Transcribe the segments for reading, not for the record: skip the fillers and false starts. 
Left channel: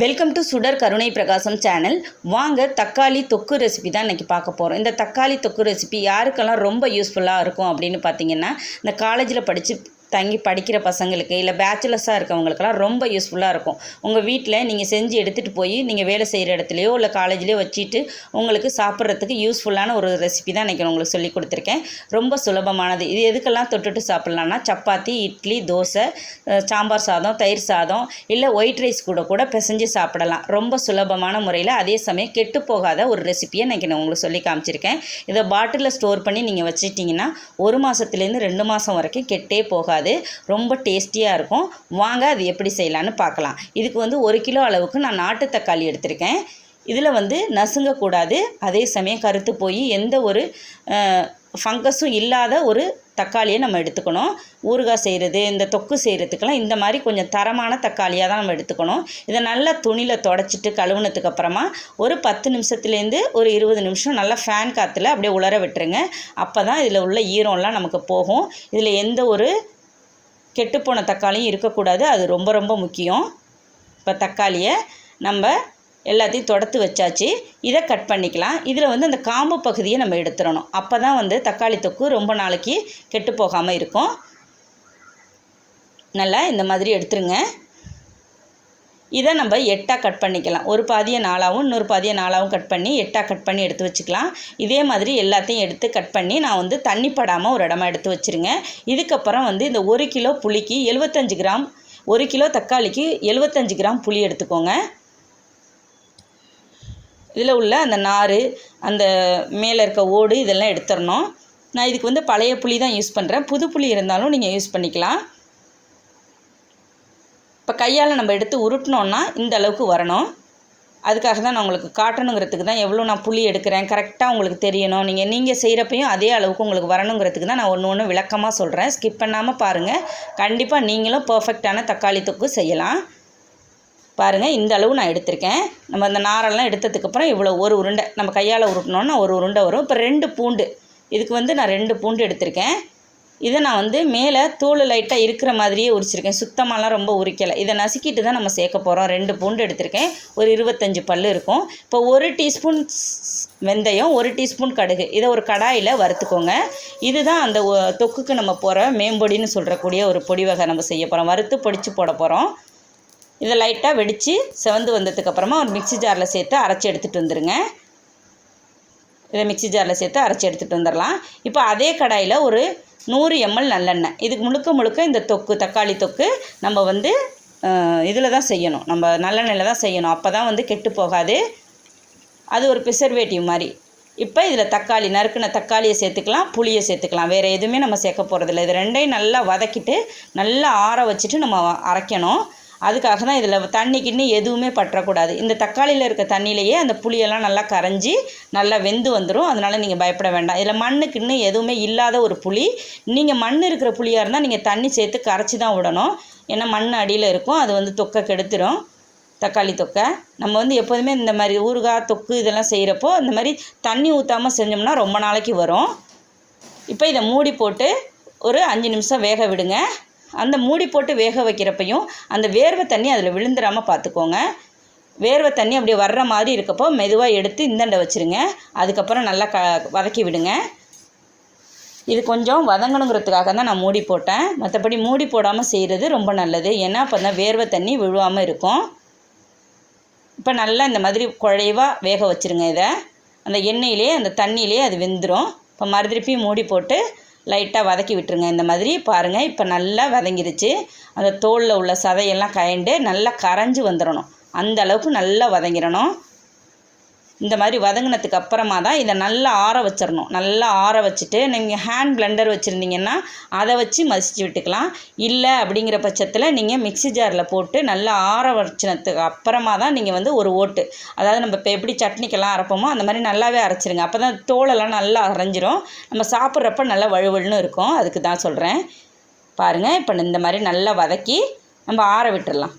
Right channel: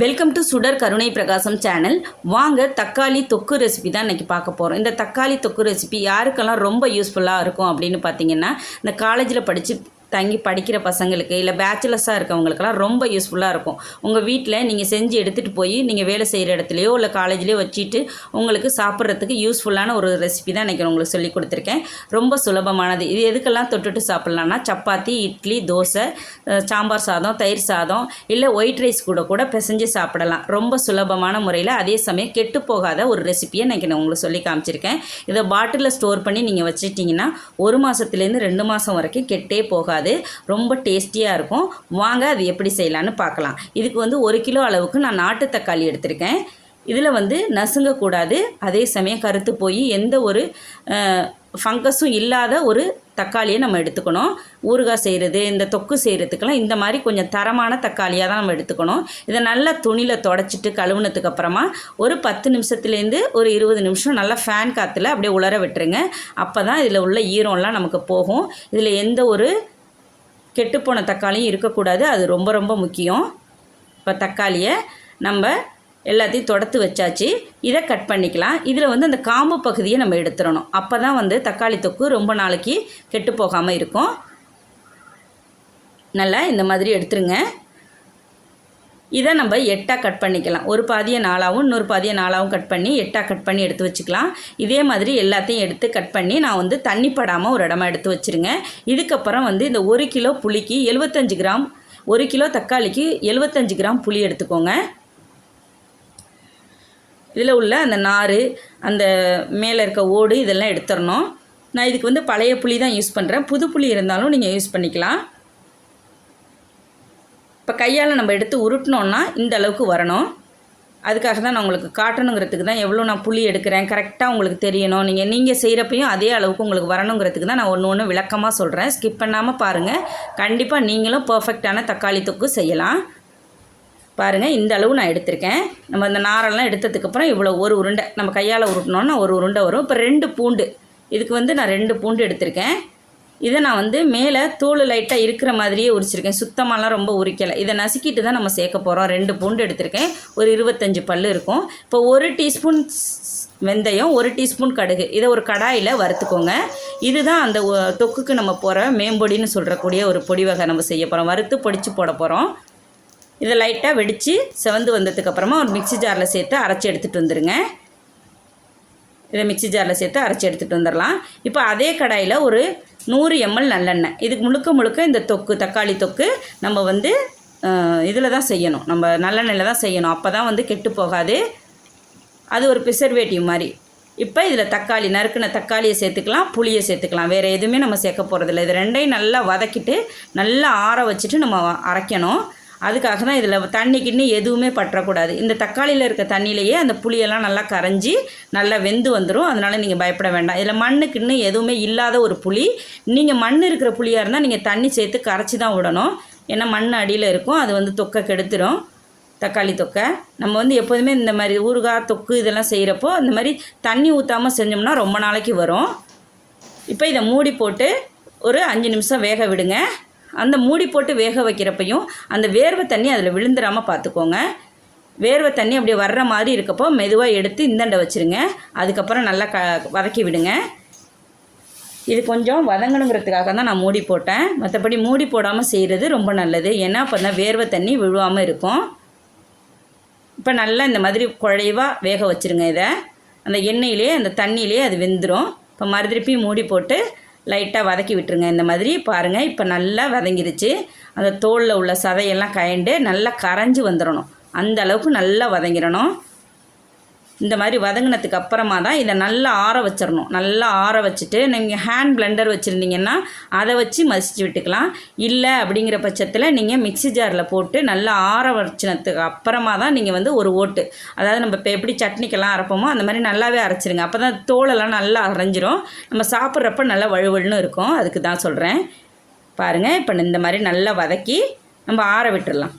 Welcome to சுடர் கருணை பிரகாசம் சேனல். வாங்க தக்காளி தொக்கு ரெசிபி தான் இன்றைக்கி பார்க்க போகிறோம். இந்த தக்காளி தொக்கு ரெசிபி யாருக்கெல்லாம் ரொம்ப யூஸ்ஃபுல்லாக இருக்கும் அப்படின்னு பார்த்தீங்கன்னா, இந்த காலேஜில் தங்கி படிக்கிற பசங்களுக்கு இல்லை பேச்சுலர்ஸாக இருக்கவங்களுக்கெல்லாம் ரொம்ப யூஸ்ஃபுல்லாக இருக்கும். உங்கள் வீட்டில் நீங்கள் செஞ்சு எடுத்துகிட்டு போய் நீங்கள் வேலை செய்கிற இடத்துலையோ இல்லை காலேஜ்லேயோ வச்சுட்டு உங்களுக்கு சாப்பிட்றதுக்கு யூஸ்ஃபுல்லான ஒரு ரெசிபி தான் இன்றைக்கி உங்களுக்கு சொல்லி கொடுத்துருக்கேன். ரொம்ப சுலபமானது. இது எதுக்கெல்லாம் தொட்டுட்டு சாப்பிட்லான்னா, சப்பாத்தி, இட்லி, தோசை, சாம்பார் சாதம், தயிர் சாதம் இல்லை ஒயிட் ரைஸ் கூட பிசைஞ்சு சாப்பிடலாம். ரொம்ப சுலபமான முறையில், அதே சமயம் கெட்டு போகாத ஒரு ரெசிபியை இன்றைக்கி நான் உங்களுக்கு சொல்லி காமிச்சிருக்கேன். இதை பாட்டிலில் ஸ்டோர் பண்ணி நீங்கள் வச்சுட்டிங்கன்னா 1 மாதத்துலேருந்து 2 மாதம் வரைக்கும் கெட்டே போகாது. ரொம்ப டேஸ்டியாக இருக்கும். வாங்க அது எப்படி செய்யலான்னு பார்க்கலாம். இதுக்கு 1 கிலோ அளவுக்கு நான் நாட்டு தக்காளி எடுத்திருக்கேன். இதில் நசுங்கக்கூடாது, அதே சமயம் கருத்து போய் எந்த ஒரு ஃபங்கஸும் இல்லாத ஒரு தக்காளியை நம்ம எடுத்துக்கணும். ஊறுகாய் செய்கிறது, இந்த தொக்கு செய்கிறதுக்கெல்லாம் இந்த மாதிரி கொஞ்சம் தரமான தக்காளியாக தான் நம்ம எடுத்துக்கணும். இதை நல்லா துணியில் தொடச்சிட்டு கழுவுனதுக்கு அப்புறமா ஒரு 10 நிமிஷத்துலேருந்து ஒரு 20 நிமிஷம் நல்லா ஃபேன் காற்றுல அப்படியே உலர விட்டுருங்க. அப்போ தான் இதில் உள்ள ஈரம்லாம் நமக்கு போகும். இதில் எந்த ஒரு கெட்டுப்போன தக்காளியும் இருக்கக்கூடாது. அது ரொம்ப ரொம்ப முக்கியம். இப்போ தக்காளியை நம்ம எல்லாத்தையும் தொடத்து வச்சாச்சு. இதை கட் பண்ணிக்கலாம். இதில் அந்த காம்பு பகுதியை நம்ம எடுத்துடணும். அப்போ தான் தக்காளி தொக்கு ரொம்ப நாளைக்கு கெட்டு போகாமல் இருக்கும். நல்லா இந்த மாதிரி எடுத்துருங்க. இதை நம்ம 8ஆக கட் பண்ணிக்கலாம். ஒரு பாதியை 4ஆகவும் இன்னொரு பாதியை 4ஆகவும் கட் பண்ணி 8ஆக கட் பண்ணி எடுத்து வச்சுக்கலாம். இதே மாதிரி எல்லாத்தையும் எடுத்து கட் பண்ணி நான் தண்ணி படாமல் ஒரு இடமா எடுத்து வச்சுருங்க. இதுக்கப்புறம் இந்த 1 கிலோ புளிக்கு 75 கிராம், 1 கிலோ தக்காளிக்கு 75 கிராம் புளி எடுத்துக்கோங்க. இதில் உள்ள அந்த நார், அந்த மேலே இருக்க ஓடு இதெல்லாம் எடுத்துடணும். நான் இதுக்கு பழைய புளி தான் யூஸ் பண்ணுறேன். புது புளி இருந்தாலும் நீங்கள் யூஸ் பண்ணிக்கலாம். இப்போ கையால் நம்ம எடுத்து உருட்டினோன்னா இந்த அளவுக்கு வரணும். அதுக்காக தான் நான் உங்களுக்கு காட்டணுங்கிறதுக்கு தான் எவ்வளோ நான் புளி எடுக்கிறேன் கரெக்டாக உங்களுக்கு தெரியணும். நீங்கள் செய்கிறப்பையும் அதே அளவுக்கு உங்களுக்கு வரணுங்கிறதுக்கு தான் நான் ஒன்று விளக்கமாக சொல்கிறேன். ஸ்கிப் பண்ணாமல் பாருங்கள். கண்டிப்பாக நீங்களும் பர்ஃபெக்டான தக்காளி தொக்கு செய்யலாம். பாருங்கள், இந்த அளவு நான் எடுத்திருக்கேன். நம்ம அந்த நாரெல்லாம் எடுத்ததுக்கப்புறம் இவ்வளோ ஒரு உருண்டை நம்ம கையால் உருட்டினோன்னா ஒரு உருண்டை வரும். இப்போ 2 பூண்டு, இதுக்கு நான் 2 பூண்டு எடுத்திருக்கேன். இதை நான் மேலே தோல் லைட்டாக இருக்கிற மாதிரியே உரிச்சிருக்கேன். சுத்தமாலாம் ரொம்ப உரிக்கலை. இதை நசுக்கிட்டு தான் நம்ம சேர்க்க போகிறோம். 2 பூண்டு எடுத்திருக்கேன். ஒரு 25 பல் இருக்கும். இப்போ 1 டீஸ்பூன் வெந்தயம், 1 டீஸ்பூன் கடுகு, இதை ஒரு கடாயில் வறுத்துக்கோங்க. இதுதான் அந்த தொக்குக்கு நம்ம போகிற மேம்பொடின்னு சொல்கிறக்கூடிய ஒரு பொடி வகை நம்ம செய்ய போகிறோம். வறுத்து பொடிச்சு போட போகிறோம். இதை லைட்டாக வெடித்து செவந்து வந்ததுக்கப்புறமா ஒரு மிக்சி ஜாரில் சேர்த்து அரைச்சி எடுத்துகிட்டு வந்துடுங்க. இதை மிக்சி ஜாரில் சேர்த்து அரைச்சி எடுத்துகிட்டு வந்துடலாம். இப்போ அதே கடாயில் ஒரு 100 ml நல்லெண்ணெய். இதுக்கு முழுக்க இந்த தொக்கு, தக்காளி தொக்கு நம்ம இதில் தான் செய்யணும். நம்ம நல்லெண்ணெயில் தான் செய்யணும். அப்போ தான் கெட்டு போகாது. அது ஒரு ப்ரிசர்வேட்டிவ் மாதிரி. இப்போ இதில் தக்காளி, நறுக்கின தக்காளியை சேர்த்துக்கலாம், புளியை சேர்த்துக்கலாம். வேறு எதுவுமே நம்ம சேர்க்க போகிறதில்ல. இது ரெண்டையும் நல்லா வதக்கிட்டு நல்லா ஆற வச்சுட்டு நம்ம அரைக்கணும். அதுக்காக தான் இதில் தண்ணி கிண்ணி எதுவுமே பற்றக்கூடாது. இந்த தக்காளியில் இருக்க தண்ணியிலேயே அந்த புளியெல்லாம் நல்லா கரைஞ்சி நல்லா வெந்து வந்துடும். அதனால் நீங்கள் பயப்பட வேண்டாம். இதில் மண்ணுக்குன்னு எதுவுமே இல்லாத ஒரு புளி. நீங்கள் மண் இருக்கிற புளியாக இருந்தால் நீங்கள் தண்ணி சேர்த்து கரைச்சி தான் விடணும். ஏன்னா மண் அடியில் இருக்கும். அது தொக்கை கெடுத்துடும். தக்காளி தொக்கை நம்ம எப்போதுமே இந்த மாதிரி ஊறுகாய் தொக்கு இதெல்லாம் செய்கிறப்போ இந்த மாதிரி தண்ணி ஊற்றாமல் செஞ்சோம்னா ரொம்ப நாளைக்கு வரும். இப்போ இதை மூடி போட்டு ஒரு 5 நிமிஷம் வேக விடுங்க. அந்த மூடி போட்டு வேக வைக்கிறப்பையும் அந்த வேர்வை தண்ணி அதில் விழுந்துடாமல் பார்த்துக்கோங்க. வேர்வை தண்ணி அப்படியே வர்ற மாதிரி இருக்கப்போ மெதுவாக எடுத்து இந்தாண்ட வச்சுருங்க. அதுக்கப்புறம் நல்லா வதக்கி விடுங்க. இது கொஞ்சம் வதங்கணுங்கிறதுக்காக தான் நான் மூடி போட்டேன். மற்றபடி மூடி போடாமல் செய்கிறது ரொம்ப நல்லது. ஏன்னா அப்போ தான் வேர்வை தண்ணி விழுவாமல் இருக்கும். இப்போ நல்லா இந்த மாதிரி குழைவாக வேக வச்சுருங்க. இதை அந்த எண்ணெயிலே அந்த தண்ணியிலே அது வெந்துடும். இப்போ மறுதிருப்பி மூடி போட்டு லைட்டாக வதக்கி விட்டுருங்க. இந்த மாதிரி பாருங்கள், இப்போ நல்லா வதங்கிருச்சு. அந்த தோலில் உள்ள சதையெல்லாம் கயண்டு நல்லா கரைஞ்சி வந்துடணும். அந்த அளவுக்கு நல்லா வதங்கிடணும். இந்த மாதிரி வதங்கினதுக்கு அப்புறமா தான் இதை நல்லா ஆற வச்சிடணும். நல்லா ஆற வச்சுட்டு நீங்கள் ஹேண்ட் பிளெண்டர் வச்சுருந்தீங்கன்னா அதை வச்சு மசிச்சு விட்டுக்கலாம். இல்லை அப்படிங்கிற பட்சத்தில் நீங்கள் மிக்சி ஜாரில் போட்டு நல்லா ஆற வச்சினதுக்கு அப்புறமா தான் நீங்கள் ஒரு ஓட்டு, அதாவது நம்ம இப்போ எப்படி சட்னிக்கெல்லாம் அரைப்போமோ அந்த மாதிரி நல்லாவே அரைச்சிருங்க. அப்போ தான் தோலெல்லாம் நல்லா அரைஞ்சிரும். நம்ம சாப்பிட்றப்ப நல்லா வழுவழுன்னு இருக்கும். அதுக்கு தான் சொல்கிறேன். பாருங்கள், இப்போ இந்த மாதிரி நல்லா வதக்கி நம்ம ஆற விட்டுடலாம்.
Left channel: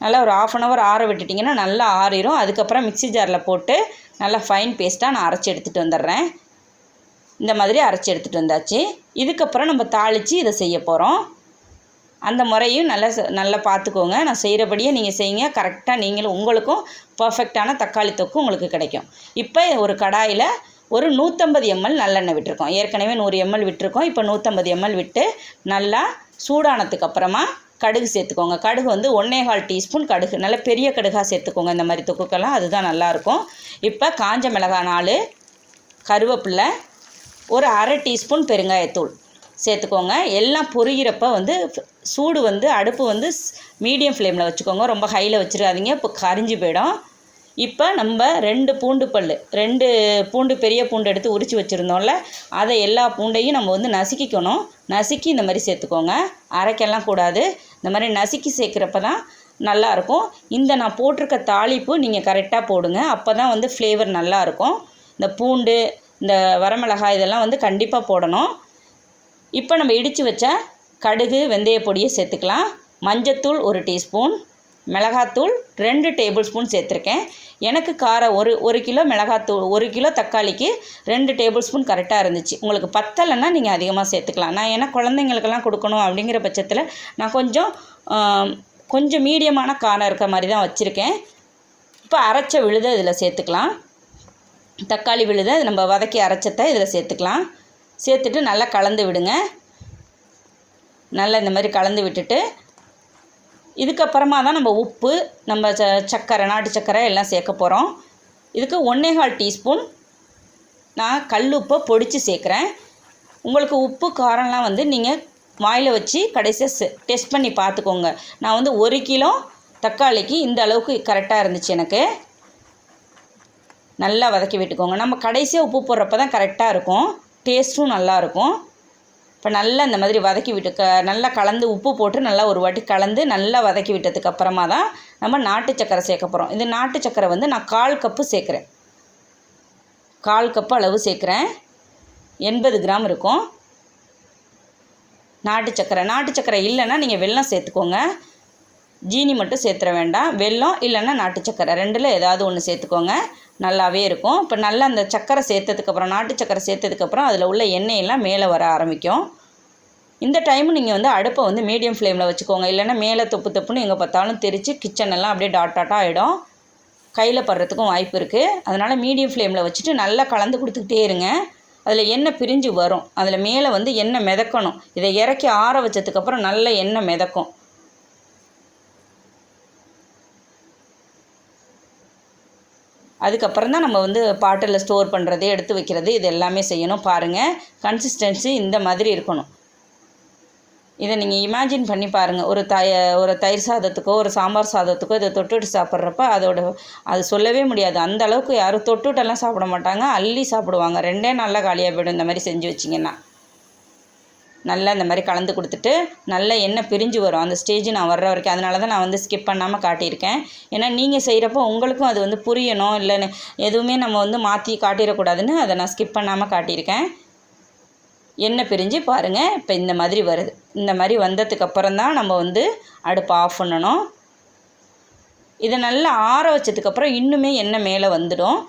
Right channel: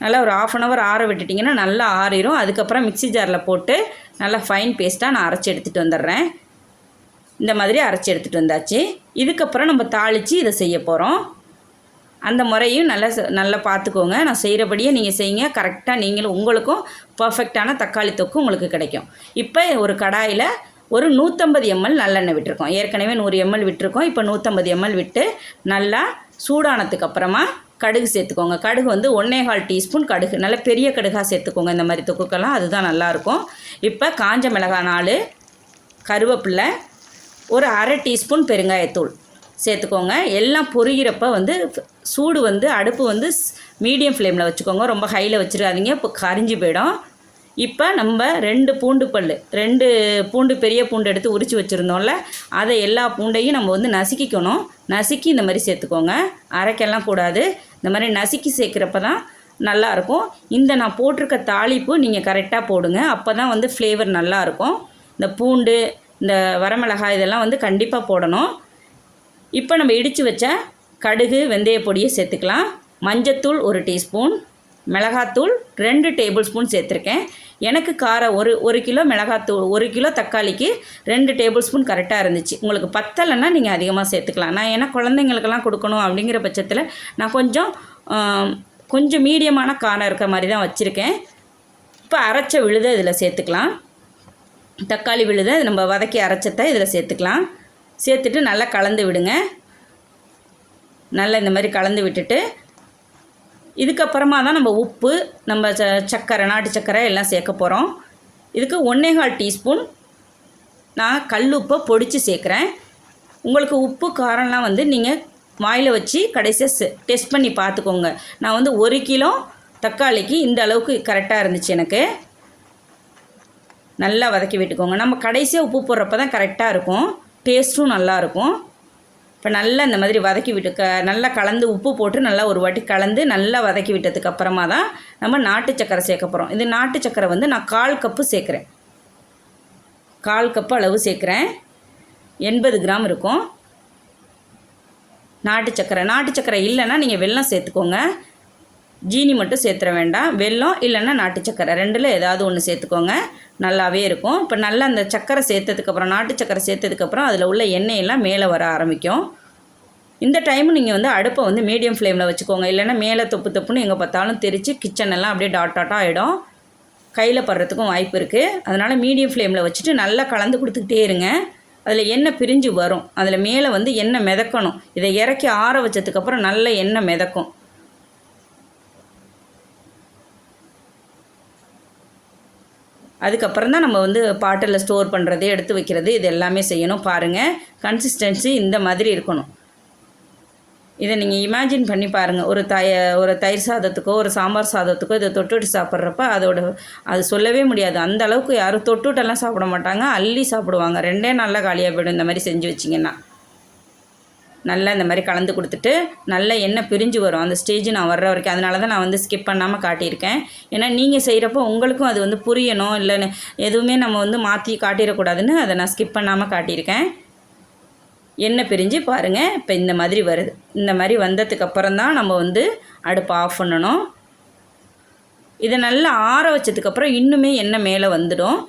நல்லா ஒரு 1/2 hour ஆற விட்டுட்டிங்கன்னா நல்லா ஆறிடும். அதுக்கப்புறம் மிக்சி ஜாரில் போட்டு நல்லா ஃபைன் பேஸ்ட்டாக நான் அரைச்சி எடுத்துகிட்டு வந்துடுறேன். இந்த மாதிரி அரைச்சி எடுத்துகிட்டு வந்தாச்சு. இதுக்கப்புறம் நம்ம தாளித்து இதை செய்ய போகிறோம். அந்த முறையும் நல்லா பார்த்துக்கோங்க. நான் செய்கிறபடியே நீங்கள் செய்யுங்க. கரெக்டாக நீங்களும் உங்களுக்கும் பர்ஃபெக்டான தக்காளி தொக்கு உங்களுக்கு கிடைக்கும். இப்போ ஒரு கடாயில் ஒரு 150 ml நல்லெண்ணெய் விட்டுருக்கோம். ஏற்கனவே 100 ml விட்டுருக்கோம். இப்போ 150 ml விட்டு நல்லா சூடானதுக்கு அப்புறமா கடுகு சேர்த்துக்கோங்க. கடுகு வந்து 1.25 டீஸ்பூன் கடுகு, நல்ல பெரிய கடுகாக சேர்த்துக்கோங்க. இந்த மாதிரி தொக்குக்கெல்லாம் அதுதான் நல்லாயிருக்கும். இப்போ காஞ்ச மிளகாய் 4, கருவேப்பிலை, ஒரு 1/2 டீஸ்பூன் பெருங்காயத்தூள் சேர்த்துக்கோங்க. எல்லாம் பொரிகிறப்ப வந்து சூடு வந்து அடுப்பு வந்து மீடியம் ஃப்ளேமில் வச்சுக்கோங்க. ரொம்ப ஹையில் வச்சுருக்காதீங்க, இப்போ கரிஞ்சு போயிடும். இப்போ நம்ம 2 பூண்டு பல், 2 பூண்டு, பெரிய பூண்டு எடுத்து உரித்து வச்சுருந்தோம்ல, அதை எல்லா பூண்டையும் நம்ம வந்து நசுக்கிக்கணும். நசுக்கி இந்த மாதிரி சேர்த்துக்கோங்க. அரைக்கெல்லாம் கூடாது. இந்த மாதிரி நசுக்கி சேர்க்குறப்ப தான் நல்லாயிருக்கும். இந்த நான் போட்டிருக்க தாளிப்பு நீங்கள் கரெக்டாக போடுங்க. அப்போ தான் வந்து ஃப்ளேவர் நல்லாயிருக்கும். இந்த பூண்டு, இந்த வரமிளகாய் இதெல்லாம் வந்து கண்டிப்பாக போடணும். இப்போ நம்ம இடித்து வச்ச கடுகு, வெந்தய பொடியை சேர்த்துக்கலாம். மஞ்சத்தூள் 1 டீஸ்பூன், மிளகாத்தூள் 2 டேபிள் ஸ்பூன் சேர்த்துருக்கேன். எனக்கு காரம் ஒரு கிலோ மிளகாத்தூள், 1 கிலோ தக்காளிக்கு 2 டேபிள் ஸ்பூன் கரெக்டாக இருந்துச்சு. உங்களுக்கு பத்தலைன்னா நீங்கள் அதிகமாக சேர்த்துக்கலாம். நான் ஏன்னா குழந்தைங்களுக்கெல்லாம் கொடுக்கணும் அப்படிங்கிற பட்சத்தில் நான் கொஞ்சம் மீடியமான காரம் இருக்க மாதிரி தான் வச்சுருக்கேன். இப்போ அரைச்ச விழுதை இதில் சேர்த்துக்கலாம். தக்காளி விழுதை நம்ம வதக்கி அரைச்சதை இதில் சேர்த்துக்கலாம். சேர்த்துட்டு நல்லா கலந்து விடுங்க. நல்லா இந்த மாதிரி கலந்து விட்டுட்டு இதுக்கப்புறமா தான் நம்ம உப்பு, நம்ம சர்க்கரை, நாட்டு சர்க்கரை எல்லாம் சேர்க்க போகிறோம். இதுக்கு 1.25 டீஸ்பூன் நான் கல் உப்பை பொடித்து சேர்க்குறேன். உங்களுக்கு உப்பு காரம்லாம் வந்து நீங்கள் வாயில் வச்சு கடைசியாக டெஸ்ட் பண்ணி பார்த்துக்கோங்க. நான் வந்து 1 கிலோ தக்காளிக்கு இந்த அளவுக்கு கரெக்டாக இருந்துச்சு எனக்கு. நல்லா வதக்கி விட்டுக்கோங்க. நம்ம கடைசியாக உப்பு போடுறப்ப தான் கரெக்டாக இருக்கும், டேஸ்ட்டும் நல்லாயிருக்கும். இப்போ நல்லா இந்த மாதிரி வதக்கி விட்டு நல்லா கலந்து உப்பு போட்டு நல்லா ஒரு வாட்டி கலந்து நல்லா வதக்கி விட்டதுக்கு அப்புறமா தான் நம்ம நாட்டு சக்கரை சேர்க்க போகிறோம். இந்த நாட்டு சக்கரை வந்து நான் 1/4 கப்பு சேர்க்குறேன். 1/4 கப்பு அளவு சேர்க்குறேன். 80 கிராம் இருக்கும் நாட்டு சக்கரை இல்லைன்னா நீங்கள் வெல்லம் சேர்த்துக்கோங்க. ஜீனி மட்டும் சேர்த்துற வேண்டாம். வெல்லம் இல்லைன்னா நாட்டு சக்கரை, 2ல் ஏதாவது ஒன்று சேர்த்துக்கோங்க. நல்லாவே இருக்கும். இப்போ நல்லா அந்த சக்கரை சேர்த்ததுக்கப்புறம், நாட்டு சக்கரை சேர்த்ததுக்கப்புறம் அதில் உள்ள எண்ணெயெல்லாம் மேலே வர ஆரம்பிக்கும். இந்த டைமு நீங்கள் வந்து அடுப்பை வந்து மீடியம் ஃப்ளேமில் வச்சுக்கோங்க. இல்லைன்னா மேலே தொப்புன்னு எங்கே பார்த்தாலும் தெரித்து கிச்சனெல்லாம் அப்படியே டாட்டாக ஆகிடும். கையில் படுறதுக்கும் வாய்ப்பு இருக்குது. அதனால் மீடியம் ஃப்ளேமில் வச்சுட்டு நல்லா கலந்து கொடுத்துக்கிட்டே இருங்க. அதில் எண்ணெய் பிரிஞ்சு வரும். அதில் மேலே வந்து எண்ணெய் மிதக்கணும். இதை இறக்கி ஆற வச்சதுக்கப்புறம் நல்ல எண்ணெய் மிதக்கும். அதுக்கப்புறம் தான் நம்ம வந்து பாட்டில் ஸ்டோர் பண்ணுறது, எடுத்து வைக்கிறது, இது எல்லாமே செய்யணும். பாருங்கள், கன்சிஸ்டன்சி இந்த மாதிரி இருக்கணும். இதை நீங்கள் இமேஜின் பண்ணி பாருங்கள். ஒரு தயிர் சாதத்துக்கோ ஒரு சாம்பார் சாதத்துக்கோ இதை தொட்டுட்டு சாப்பிட்றப்ப அது சொல்லவே முடியாது. அந்த அளவுக்கு யாரும் தொட்டுட்டெல்லாம் சாப்பிட மாட்டாங்க, அள்ளி சாப்பிடுவாங்க. 2 நாளில் காலியாக போய்டும் இந்த மாதிரி செஞ்சு வச்சிங்கன்னா. நல்லா இந்த மாதிரி கலந்து கொடுத்துட்டு நல்லா எண்ணெய் பிரிஞ்சு வரும். அந்த ஸ்டேஜ் நான் வர்ற வரைக்கும், அதனால தான் நான் வந்து ஸ்கிப் பண்ணாமல் காட்டியிருக்கேன். ஏன்னா நீங்கள் செய்கிறப்போ உங்களுக்கும் அது வந்து புரியணும், இல்லைன்னு எதுவுமே நம்ம வந்து மாற்றி காட்டிடக்கூடாதுன்னு அதை நான் ஸ்கிப் பண்ணாமல் காட்டியிருக்கேன். எண்ணெய் பிரிஞ்சு பாருங்கள், இப்போ இந்த மாதிரி வருது. இந்த மாதிரி வந்ததுக்கப்புறம் தான் நம்ம வந்து அடுப்பை ஆஃப் பண்ணணும். இதை நல்லா ஆற வச்சதுக்கப்புறம் இன்னுமே எண்ணெய் மேலே வந்துடும்.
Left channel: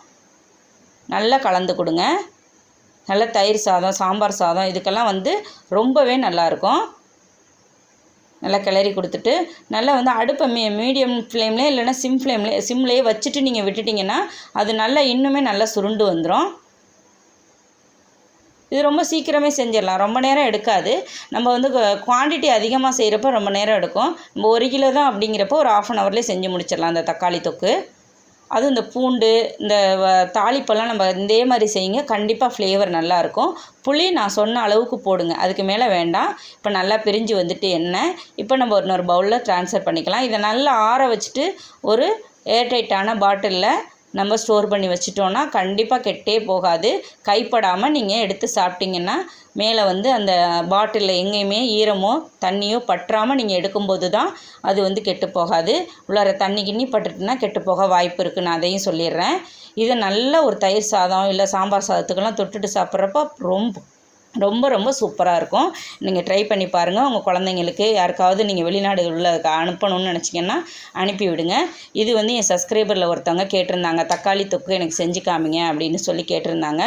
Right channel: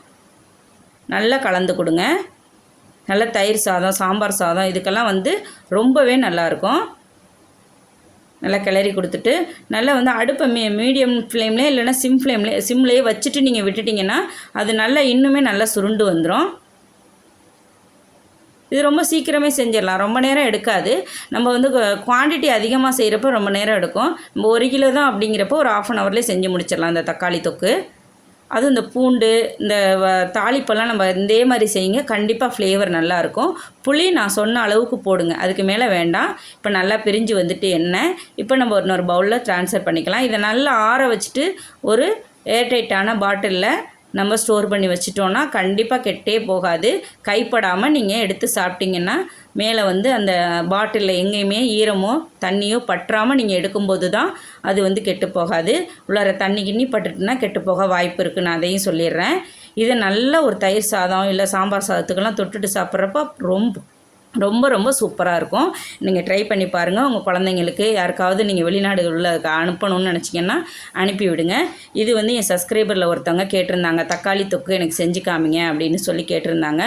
நல்லா கலந்து கொடுங்க. நல்ல தயிர் சாதம், சாம்பார் சாதம் இதுக்கெல்லாம் வந்து ரொம்பவே நல்லாயிருக்கும். நல்லா கிளறி கொடுத்துட்டு நல்லா வந்து அடுப்பை மீடியம் ஃப்ளேம்லேயே இல்லைன்னா சிம்லேயே வச்சுட்டு நீங்கள் விட்டுட்டிங்கன்னா அது நல்லா இன்னுமே நல்லா சுருண்டு வந்துடும். இது ரொம்ப சீக்கிரமே செஞ்சிடலாம், ரொம்ப நேரம் எடுக்காது. நம்ம வந்து குவான்டிட்டி அதிகமாக செய்கிறப்ப ரொம்ப நேரம் எடுக்கும். நம்ம 1 கிலோ தான் அப்படிங்கிறப்போ ஒரு 1/2 ஹவர்லேயே செஞ்சு முடிச்சிடலாம் இந்த தக்காளி தொக்கு. அதுவும் இந்த பூண்டு, இந்த தாளிப்பெல்லாம் நம்ம இதே மாதிரி செய்யுங்க, கண்டிப்பாக ஃப்ளேவர் நல்லாயிருக்கும். புளி நான் சொன்ன அளவுக்கு போடுங்க, அதுக்கு மேலே வேண்டாம். இப்போ நல்லா பிரிஞ்சு வந்துட்டு எண்ணெய். இப்போ நம்ம இன்னொரு பவுலில் ட்ரான்ஸ்ஃபர் பண்ணிக்கலாம். இதை நல்லா ஆற வச்சுட்டு ஒரு ஏர்டைட்டான பாட்டிலில் நம்ம ஸ்டோர் பண்ணி வச்சிட்டோன்னா கண்டிப்பாக கெட்டே போகாது. கைப்படாமல் நீங்கள் எடுத்து சாப்பிட்டிங்கன்னா மேலே வந்து அந்த பாட்டிலில் எங்கேயுமே ஈரமோ தண்ணியோ பற்றாமல் நீங்கள் எடுக்கும்போது தான் அது வந்து கெட்டு போகாது. உள்ளார தண்ணி கிண்ணி பட்டுட்டுனா கெட்டு போக வாய்ப்பு இருக்குது. நான் அதையும் சொல்லிடுறேன். இது நல்ல ஒரு தயிர் சாதம் இல்லை சாம்பார் சாதத்துக்கெல்லாம் தொட்டுட்டு சாப்பிட்றப்ப ரொம்ப ரொம்ப ரொம்ப சூப்பராக இருக்கும். நீங்கள் ட்ரை பண்ணி பாருங்கள். உங்கள் குழந்தைங்களுக்கு யாருக்காவது நீங்கள் வெளிநாடுகளில் அனுப்பணும்னு நினச்சிங்கன்னா அனுப்பி விடுங்க. இது வந்து என் சப்ஸ்கிரைபரில் ஒருத்தவங்க கேட்டிருந்தாங்க, தக்காளி தொக்கு எனக்கு செஞ்சு காமிங்க அப்படின்னு சொல்லி கேட்டிருந்தாங்க.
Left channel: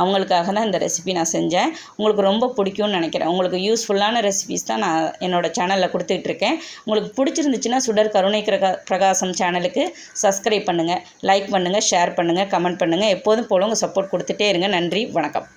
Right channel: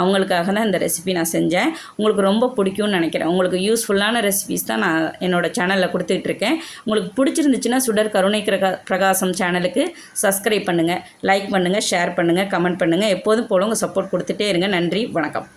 அவங்களுக்காக தான் இந்த ரெசிபி நான் செஞ்சேன். உங்களுக்கு ரொம்ப பிடிக்கும்னு நினைக்கிறேன். உங்களுக்கு யூஸ்ஃபுல்லான ரெசிபிஸ் தான் நான் என்னோடய சேனலில் கொடுத்துட்ருக்கேன். உங்களுக்கு பிடிச்சிருந்துச்சுன்னா சுடர் கருணை பிரகாசம் சேனலுக்கு சப்ஸ்கிரைப் பண்ணுங்கள், லைக் பண்ணுங்கள், ஷேர் பண்ணுங்கள், கமெண்ட் பண்ணுங்கள். எப்போதும் போல உங்கள் சப்போர்ட் கொடுத்துட்டே இருங்க. நன்றி, வணக்கம்.